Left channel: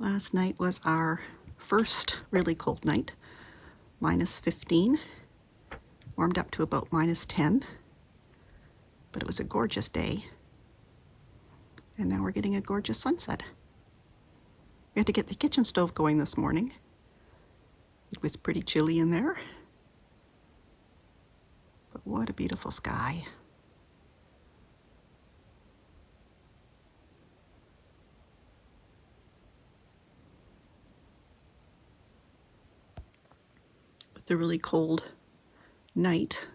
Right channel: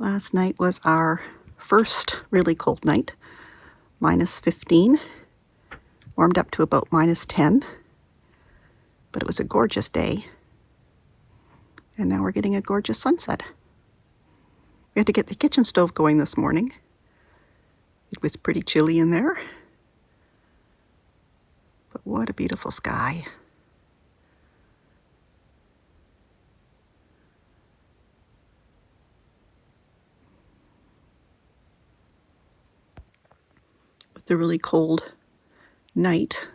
Last night was our first really cold night, -15, warmed up to about -10, but it was a gorgeous day. And now we're getting a gorgeous sunset. We had to get the kitchen stove going this morning. It was pretty chilly in there, but what a beautiful sky. With the really cold night,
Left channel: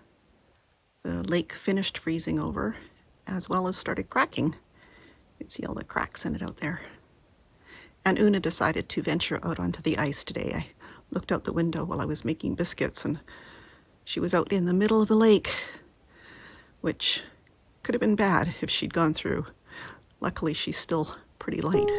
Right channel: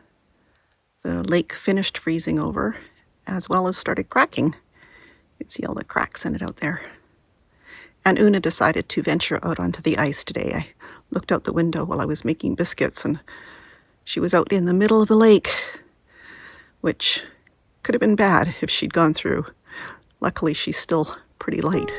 the lake finished freezing over as well as started cracking. You can see all the cracks in it out there. And Una decided to venture out onto the ice today. I looked out the window while I was making biscuits and she was out in the middle of the lake, which could have been bad if she'd gone through. Luckily, she's still pretty light.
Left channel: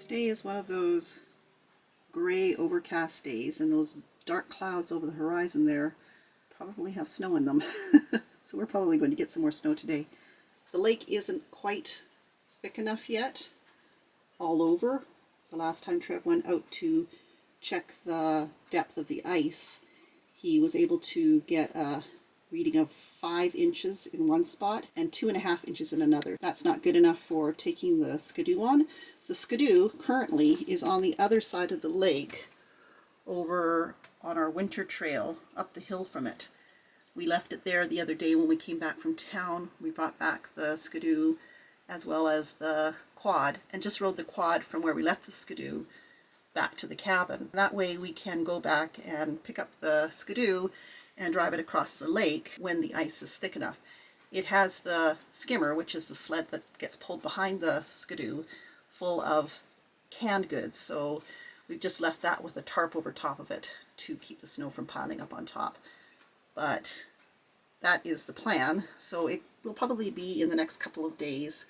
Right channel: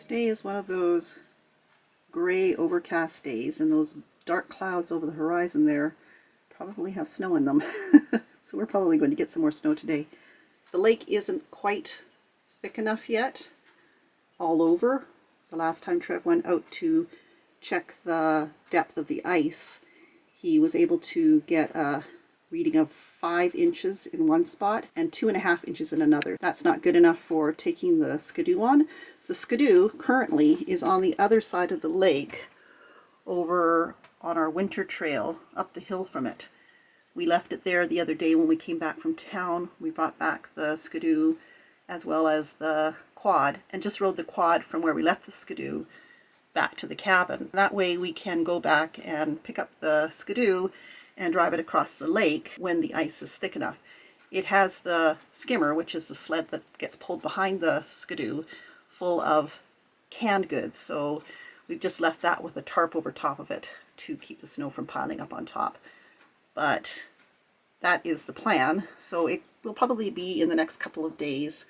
Today is one of those gray overcast days, and those dark clouds over the horizon there probably have snow in them. So we're probably going to get some more snow today. The lake isn't quite thick enough yet all over. The last time Trev went out to check the depth of the ice, he was able to get a reading of 5 inches in one spot and 2.5 inches in another. That's not good enough for taking the Skidoo on. The Skidoo currently is on the other side of the lake over on our winter trail up the hill from it. We left it there the other day when we came back from town. We brought back the Skidoo as well as the quad and just rode the quad from where we left the Skidoo back to the cabin. That way we can go back and pick up the Skidoo and drive it across the lake when the ice is thick enough. It has the skimmer, which is the sled that gets pulled behind the Skidoo, full of canned goods. So we've just left that with a tarp over top of it to keep the snow from piling up on top. But that is the plan. So it will probably be in the next couple of days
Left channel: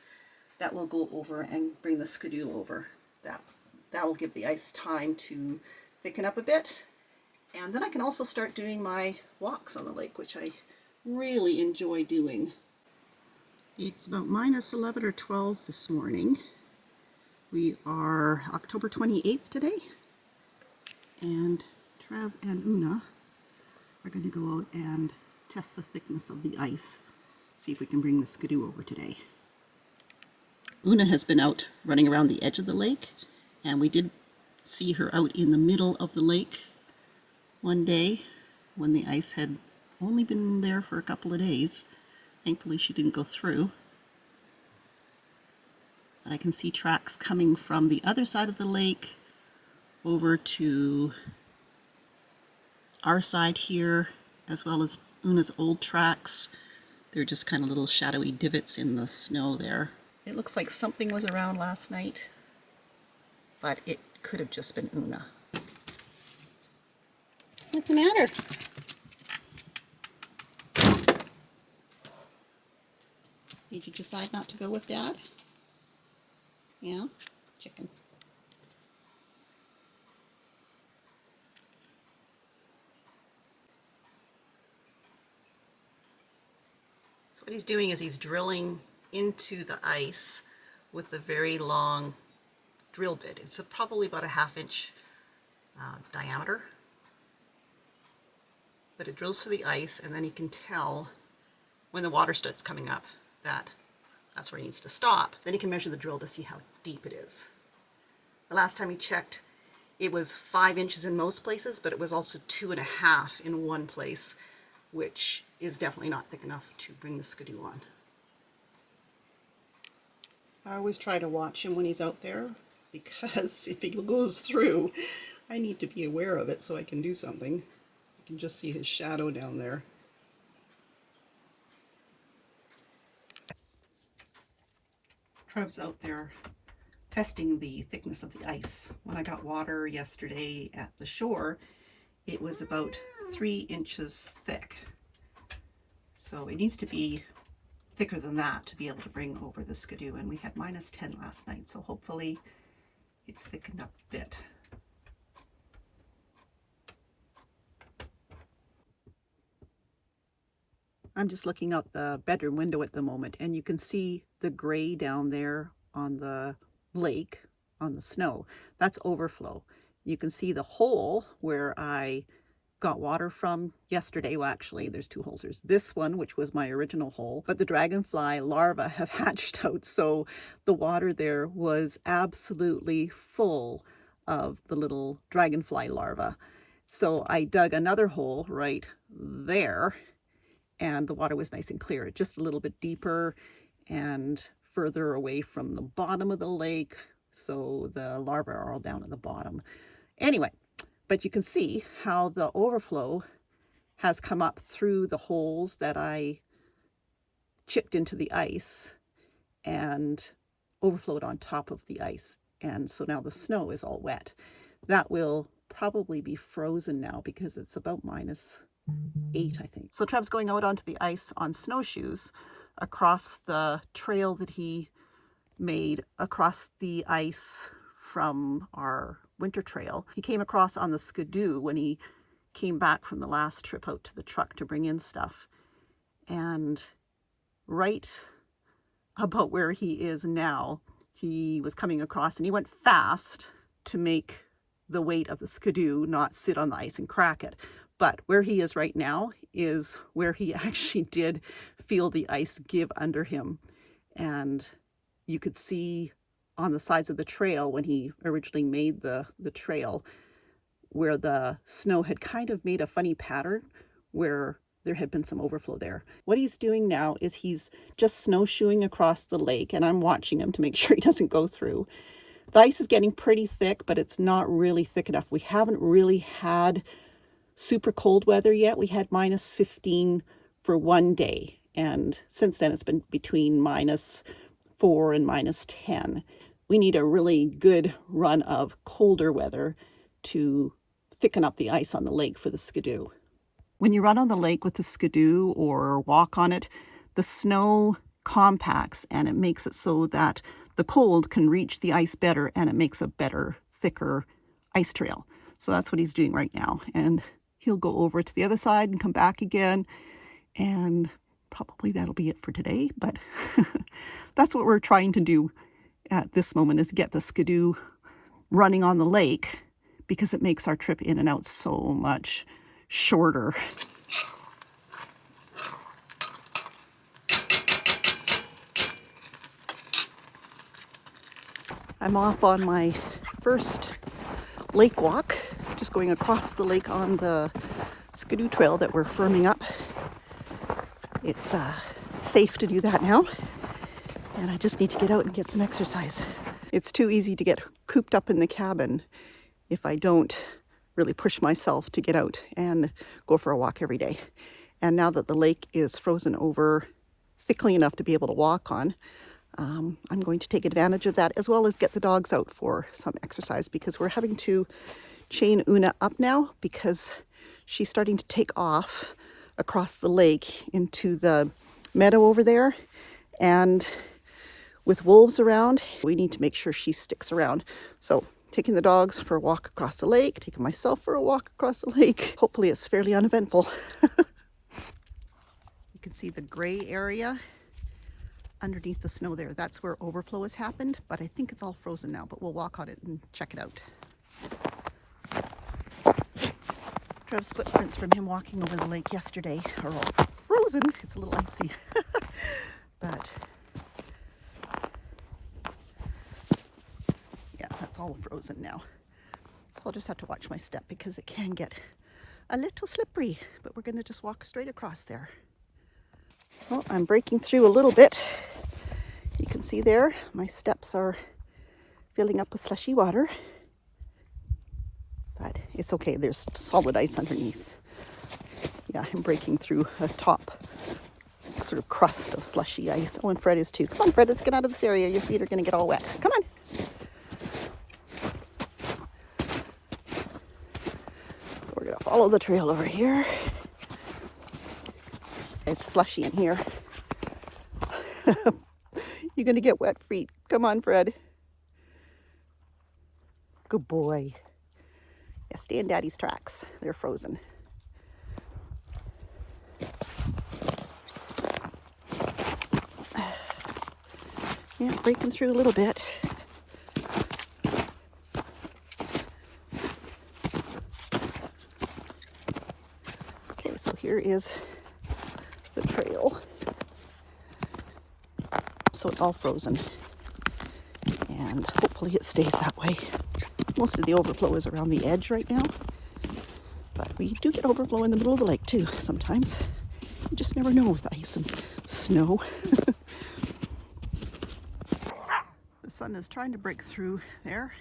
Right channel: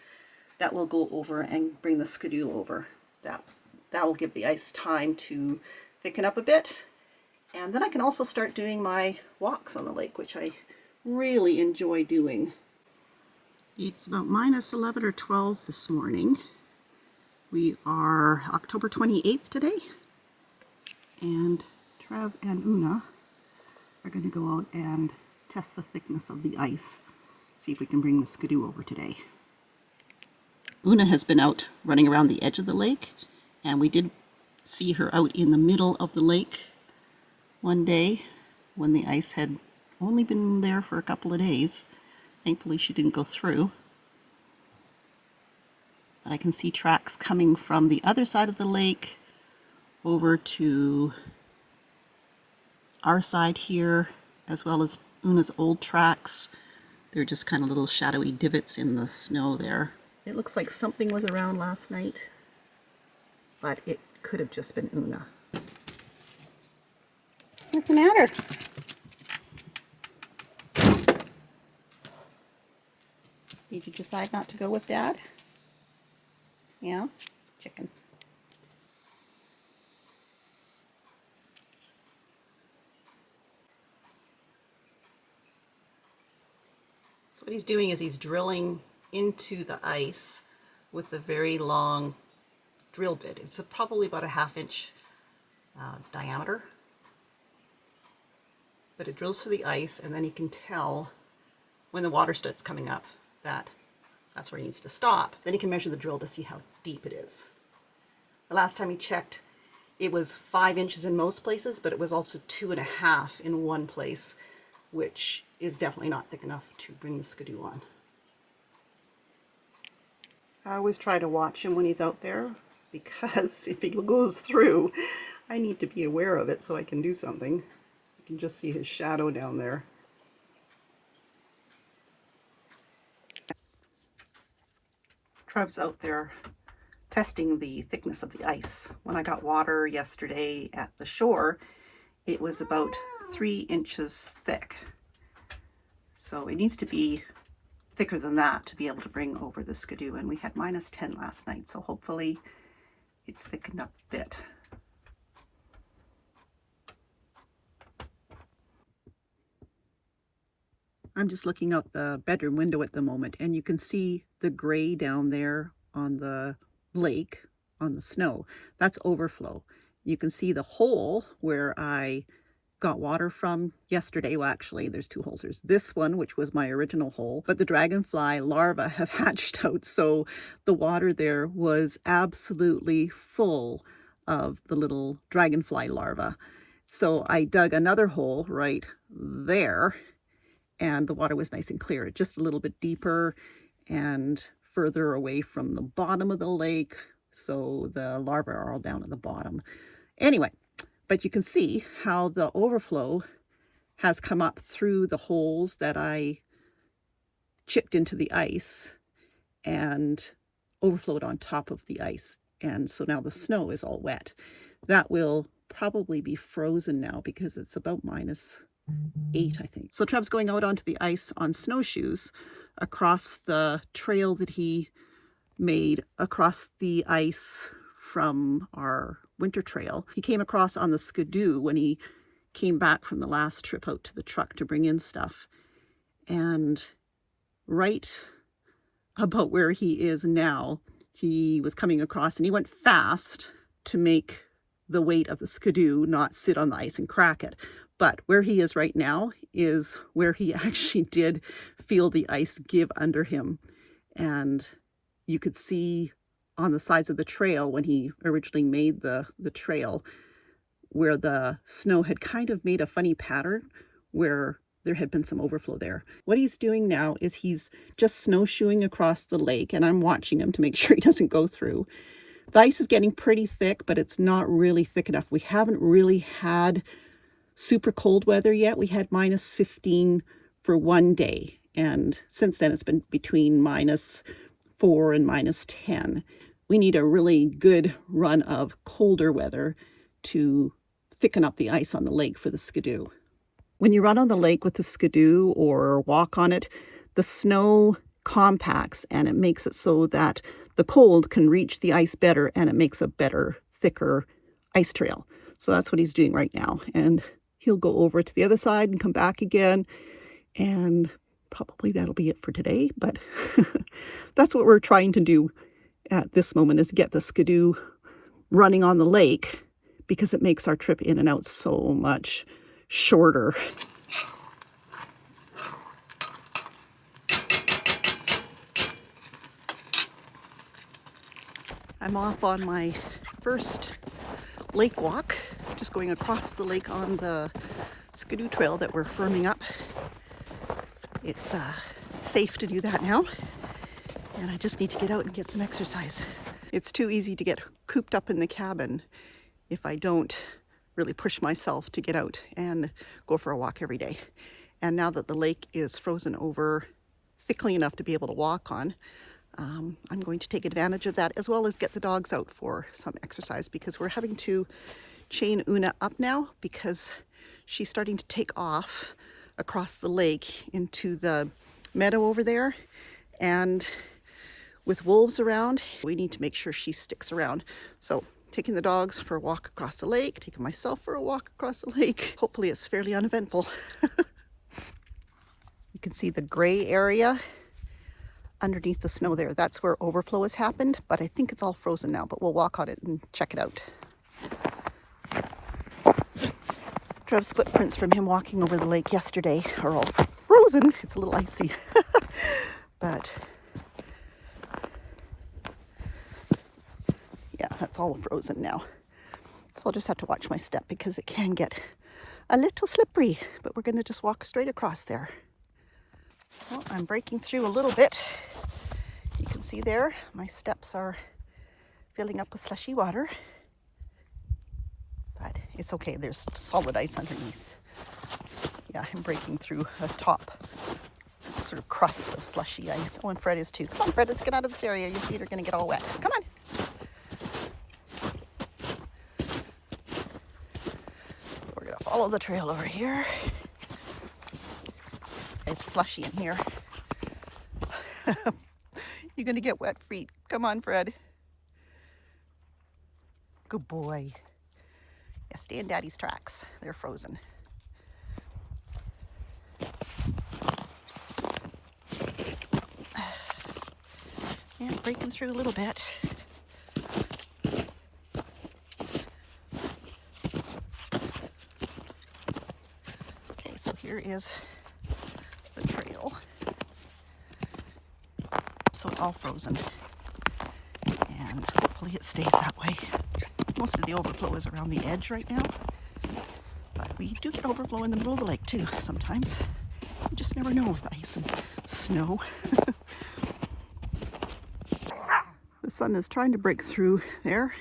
that we'll go over and bring the Skidoo over. That will give the ice time to thicken up a bit. And then I can also start doing my walks on the lake, which I really enjoy doing. It's about -11 or 12 this morning. We are October 28th today. And Trev and Una are going to go out and test the thickness of the ice. See if we can bring the Skidoo over today. Una has been out running around the edge of the lake, and we did see her out in the middle of the lake one day when the ice had only been there for a couple of days. Thankfully she didn't go through. But I can see tracks coming from the other side of the lake over to our side here, as well as Una's old tracks. They're just kind of little shadowy divots in the snow there. It looks like something was around last night, but it could have just been Una. What's the matter? Did you decide not to go with Dad? Yeah, chicken. So what he's doing is he's drilling into the ice with a very long drill bit. It's probably about a 1/2 inch diameter, but it drills through the ice, and then he can tell when the water starts coming up that that's where he needs to stop. Then he can measure the drill to see how deep it is. The last time he checked, it was 5 inches in most places, but it was also 2.5 in one place, which is definitely not thick enough to bring the Skidoo on. I always try to watch him when he's out there, because if he goes through, I need to be aware of it so I can do something. You can just see his shadow down there. Trev's out there testing the thickness of the ice. When I got water yesterday at the shore, it was about 3 inches thick. So it needs to be thicker than that to be able to bring over the Skidoo, and we had -10 last night, so hopefully it's thickened up a bit. I'm just looking out the bedroom window at the moment, and you can see the gray down there on the lake, on the snow. That's overflow. You can see the hole where I got water from yesterday. Well, actually, there's 2 holes. There's this one, which was my original hole, but the dragonfly larvae have hatched out, so the water there was absolutely full of the little dragonfly larvae. So I dug another hole right there, and the water was nice and clear, just a little bit deeper and further away from the bottom of the lake, so the larvae are all down at the bottom. Anyway, but you can see how the overflow has come up through the holes that I chipped into the ice and overflowed on top of the ice. And so now the snow is all wet. That will probably be frozen now because it's about -8, I think. So Trev's going out onto the ice on snowshoes across the trail that he made across the ice from our winter trail. He came across on the Skidoo when he came back from the last trip out to the truck to bring in stuff. And right about where he is now, he was coming across, and he went fast to make the weight of the Skidoo not sit on the ice and crack it. But where he is right now is where he actually did feel the ice give under him. And you could see on the sides of the trail when he originally made the trail where the snow had kind of made a funny pattern where there had been some overflow there. What he's doing now is he's just snowshoeing across the lake, and I'm watching him to make sure he doesn't go through. The ice is getting pretty thick, but it's not really thick enough. We haven't really had super cold weather yet. We had -15 for one day, and since then it's been between -4 and -10. We need a really good run of colder weather to thicken up the ice on the lake for the Skidoo. When you run on the lake with the Skidoo or walk on it, the snow compacts and it makes it so that the cold can reach the ice better, and it makes a better, thicker ice trail. So that's what he's doing right now. And he'll go over to the other side and come back again, and probably that'll be it for today. But that's what we're trying to do at this moment, is get the Skidoo running on the lake, because it makes our trip in and out so much shorter. I'm off on my first lake walk, just going across the lake on the Skidoo trail that we're firming up. It's safe to do that now, and I just need to get out and get some exercise. It's too easy to get cooped up in the cabin if I don't really push myself to get out and go for a walk every day. And now that the lake is frozen over thickly enough to be able to walk on, I'm going to take advantage of that, as well as get the dogs out for some exercise, because we're having to chain Una up now because she's starting to take off across the lake into the meadow over there. And with wolves around, we need to make sure she sticks around. So taking the dogs for a walk across the lake, taking myself for a walk across the lake. Hopefully it's fairly uneventful. You can see the gray area underneath the snow there. That's where overflow has happened, but I think it's all frozen now, but we'll walk on it and check it out. Trev's footprints from him walking over the lake yesterday are all frozen. It's a little icy, but yeah, that's all frozen now. So I'll just have to watch my step because it can get a little slippery, but we're going to just walk straight across there. Well, I'm breaking through a little bit. You can see there, my steps are filling up with slushy water. But it's okay, there's solid ice underneath. Yeah, I'm breaking through a top sort of crust of slushy ice. Oh, and Fred is too. Come on, Fred, let's get out of this area. Your feet are going to get all wet. Come on. We're going to follow the trail over here. It's slushy in here. You're going to get wet feet. Come on, Fred. Good boy. Yeah, stay in Daddy's tracks. They're frozen. Yeah, breaking through a little bit. Okay, so here is the trail. So it's all frozen. And hopefully it stays that way. Most of the overflow is around the edge right now. But we do get overflow in the middle of the lake too sometimes. You just never know with ice and snow. The sun is trying to break through there.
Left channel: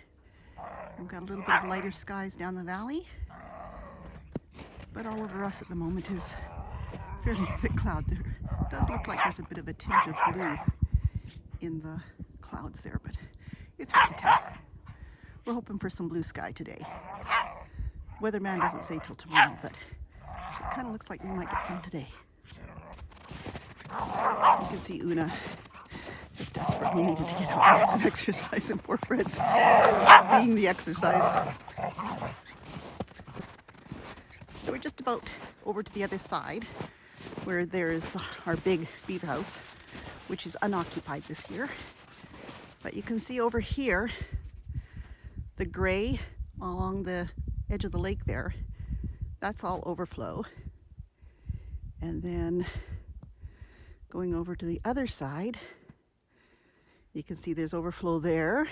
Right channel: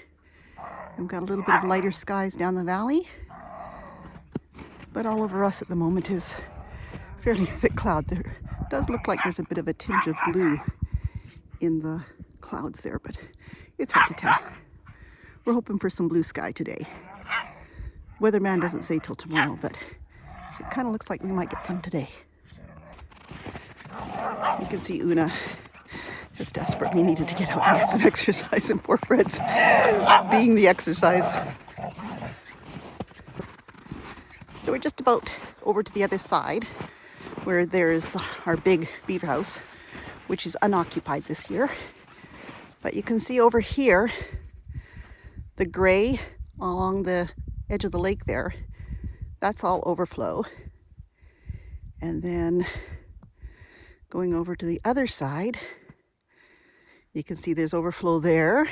We've got a little bit of lighter skies down the valley. But all over us at the moment is fairly thick cloud. There does look like there's a bit of a tinge of blue in the clouds there, but it's hard to tell. We're hoping for some blue sky today. Weatherman doesn't say till tomorrow, but it kind of looks like we might get some today. You can see Una just desperately needed to get out and get some exercise, and poor Fred's being the exercise. So we're just about over to the other side where there's our big beaver house, which is unoccupied this year. But you can see over here the gray along the edge of the lake there. That's all overflow. And then going over to the other side, you can see there's overflow there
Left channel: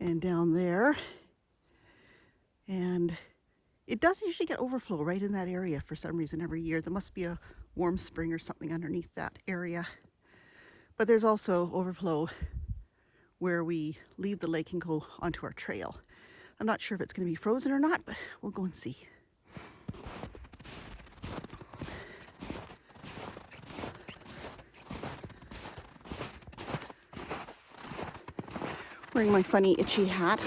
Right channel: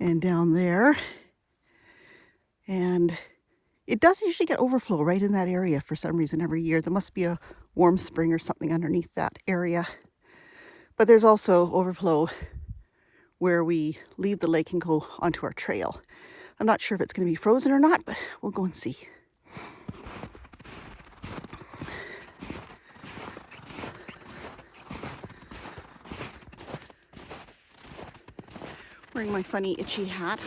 and down there. And it does usually get overflow right in that area for some reason every year. There must be a warm spring or something underneath that area. But there's also overflow where we leave the lake and go onto our trail. I'm not sure if it's going to be frozen or not, but we'll go and see. Wearing my funny itchy hat.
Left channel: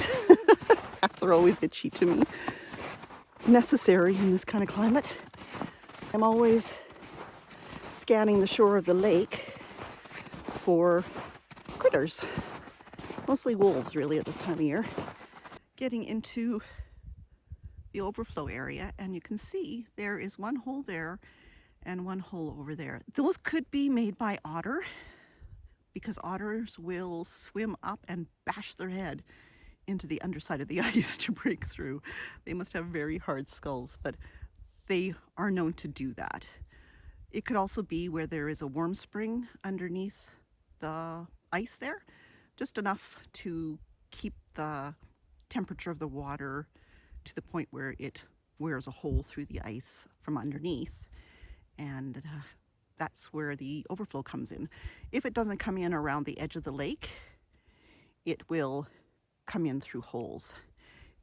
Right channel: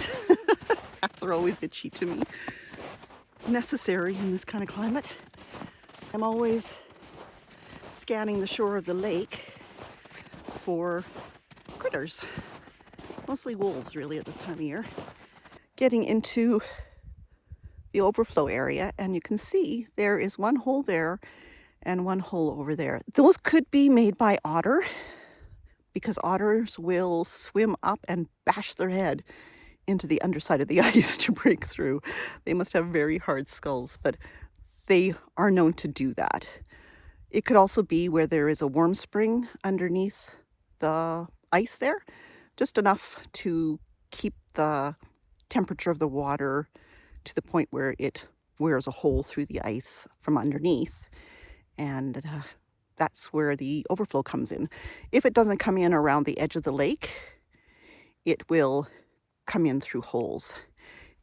Hats are always itchy to me. Necessary in this kind of climate. I'm always scanning the shore of the lake for critters. Mostly wolves really at this time of year. Getting into the overflow area, and you can see there is one hole there and one hole over there. Those could be made by otter, because otters will swim up and bash their head into the underside of the ice to break through. They must have very hard skulls, but they are known to do that. It could also be where there is a warm spring underneath the ice there, just enough to keep the temperature of the water to the point where it wears a hole through the ice from underneath. And that's where the overflow comes in. If it doesn't come in around the edge of the lake, it will come in through holes.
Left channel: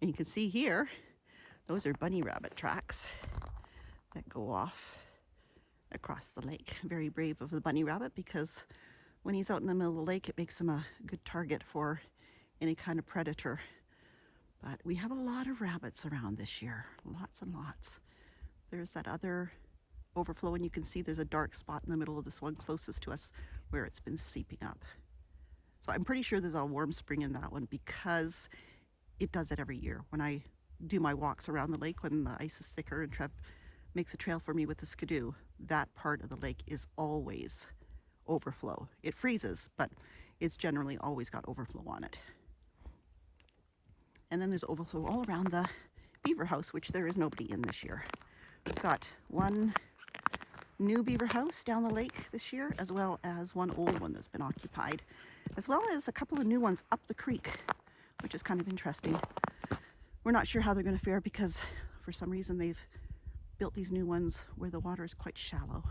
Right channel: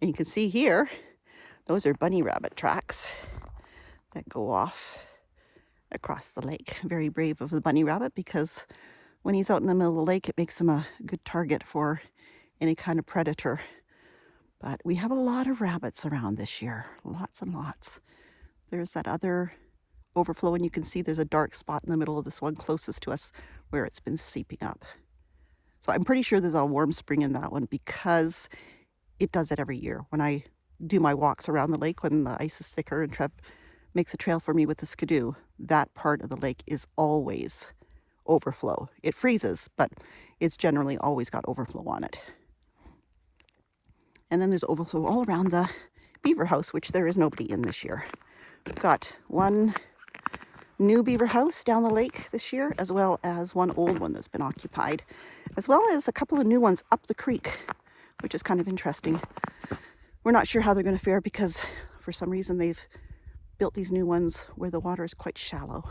And you can see here, those are bunny rabbit tracks that go off across the lake. Very brave of the bunny rabbit, because when he's out in the middle of the lake, it makes him a good target for any kind of predator. But we have a lot of rabbits around this year, lots and lots. There's that other overflow, and you can see there's a dark spot in the middle of this one closest to us where it's been seeping up. So I'm pretty sure there's a warm spring in that one because it does it every year. When I do my walks around the lake, when the ice is thicker and Trev makes a trail for me with the Skidoo, that part of the lake is always overflow. It freezes, but it's generally always got overflow on it. And then there's overflow all around the beaver house, which there is nobody in this year. We've got one new beaver house down the lake this year, as well as one old one that's been occupied, as well as a couple of new ones up the creek, which is kind of interesting. We're not sure how they're going to fare because for some reason they've built these new ones where the water is quite shallow.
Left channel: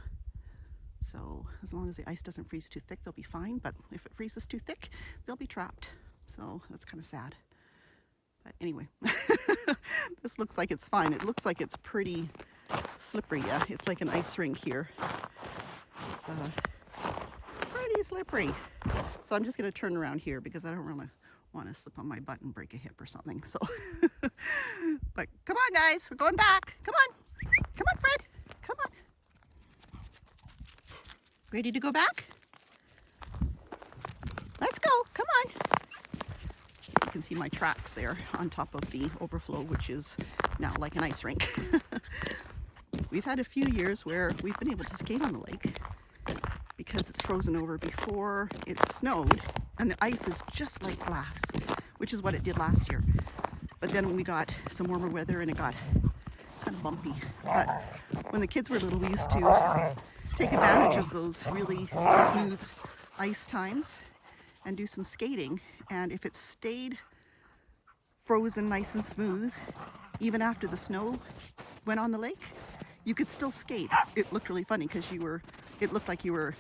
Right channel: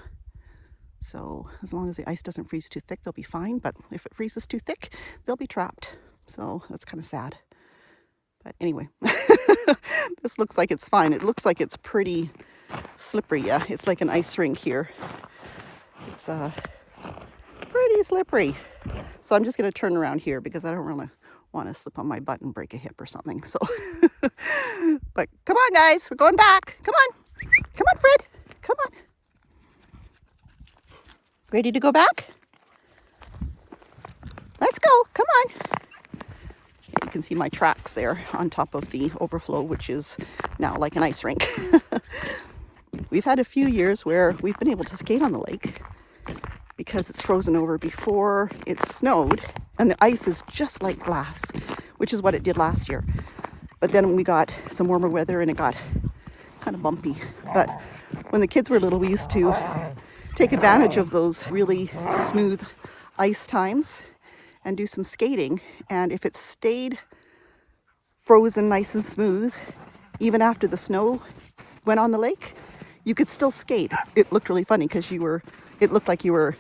So as long as the ice doesn't freeze too thick, they'll be fine. But if it freezes too thick, they'll be trapped. So that's kind of sad. But anyway, this looks like it's fine. It looks like it's pretty slippery. Yeah, it's like an ice rink here. It's pretty slippery. So I'm just going to turn around here because I don't really want to slip on my butt and break a hip or something. So, but come on, guys, we're going back. Come on. Come on, Fred. Come on. Ready to go back? Let's go. Come on. You can see my tracks there on top of the overflow, which is now like an ice rink. We've had a few years where we've been able to skate on the lake because it's frozen over before it snowed, and the ice is just like glass, which is what it did last year. But then we got some warmer weather and it got kind of bumpy. But when the kids were little, we used to take advantage of those really smooth ice times and do some skating. And if it stayed frozen nice and smooth, even after the snow went on the lake, you could still skate. It looked really funny because it looked like you were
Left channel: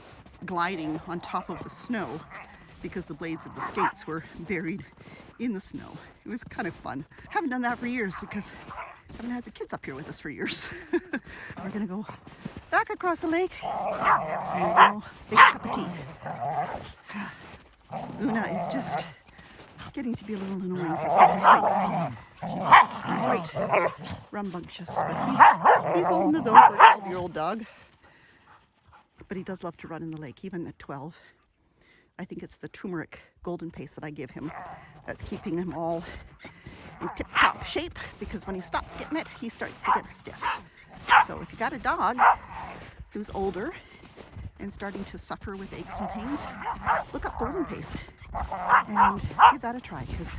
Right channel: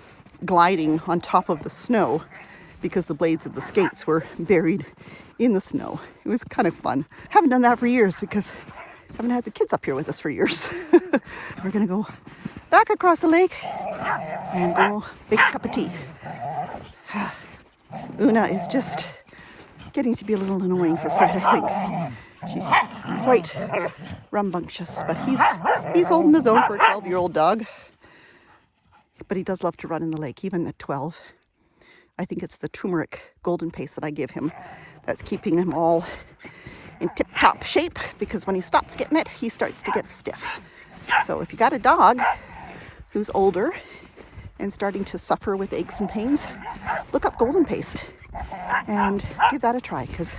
gliding on top of the snow because the blades of the skates were buried in the snow. It was kind of fun. Haven't done that for years because I haven't had the kids up here with us for years. We're gonna go back across the lake and go make a cup of tea. Una is just getting to be a little annoying for Fred, I think. She's quite rambunctious, but he's holding his own for a 12-year-old dog. But he does love to run in the lake, even at 12. I think it's the turmeric golden paste that I give him that's keeping him all in tip-top shape, because when he stops getting it, he starts to get stiff. So if you got a dog who's older and starting to suffer with aches and pains, look up golden paste and give that a try, because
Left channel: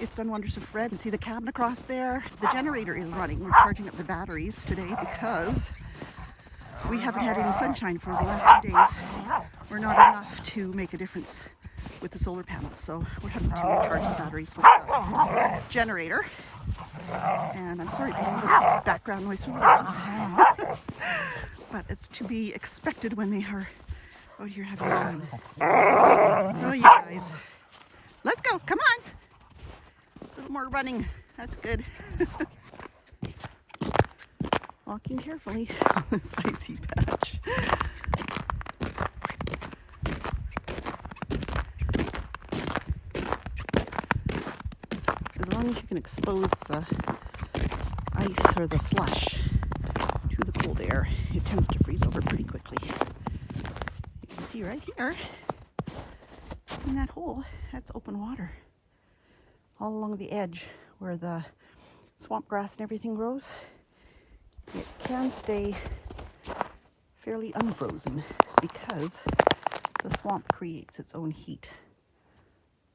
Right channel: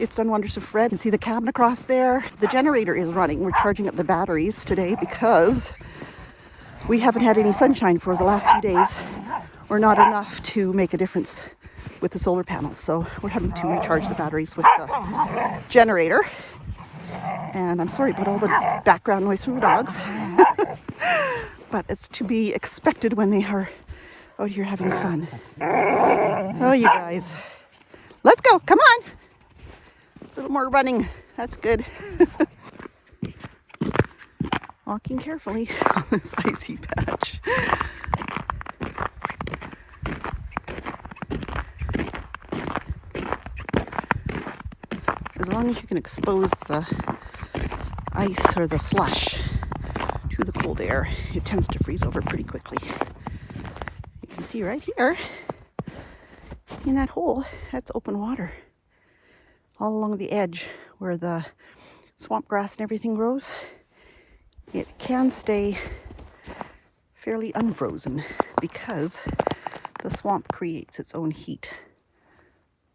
it's done wonders for Fred. You can see the cabin across there. The generator is running. We're charging up the batteries today because we haven't had any sunshine for the last few days, or not enough to make a difference with the solar panels. So we're having to recharge the batteries with the generator. And I'm sorry about all the background noise from the dogs. But it's to be expected when they are out here having fun. Oh, you guys. Let's go. Come on. A little more running. That's good. Walking carefully on this icy patch. As long as you can expose the ice or the slush to the cold air, it tends to freeze over pretty quickly. You can see right here in that hole, that's open water. All along the edge where the swamp grass and everything grows, it can stay fairly unfrozen because the swamp creates its own heat.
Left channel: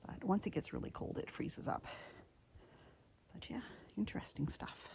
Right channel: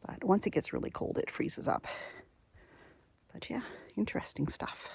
But once it gets really cold, it freezes up. But yeah, interesting stuff.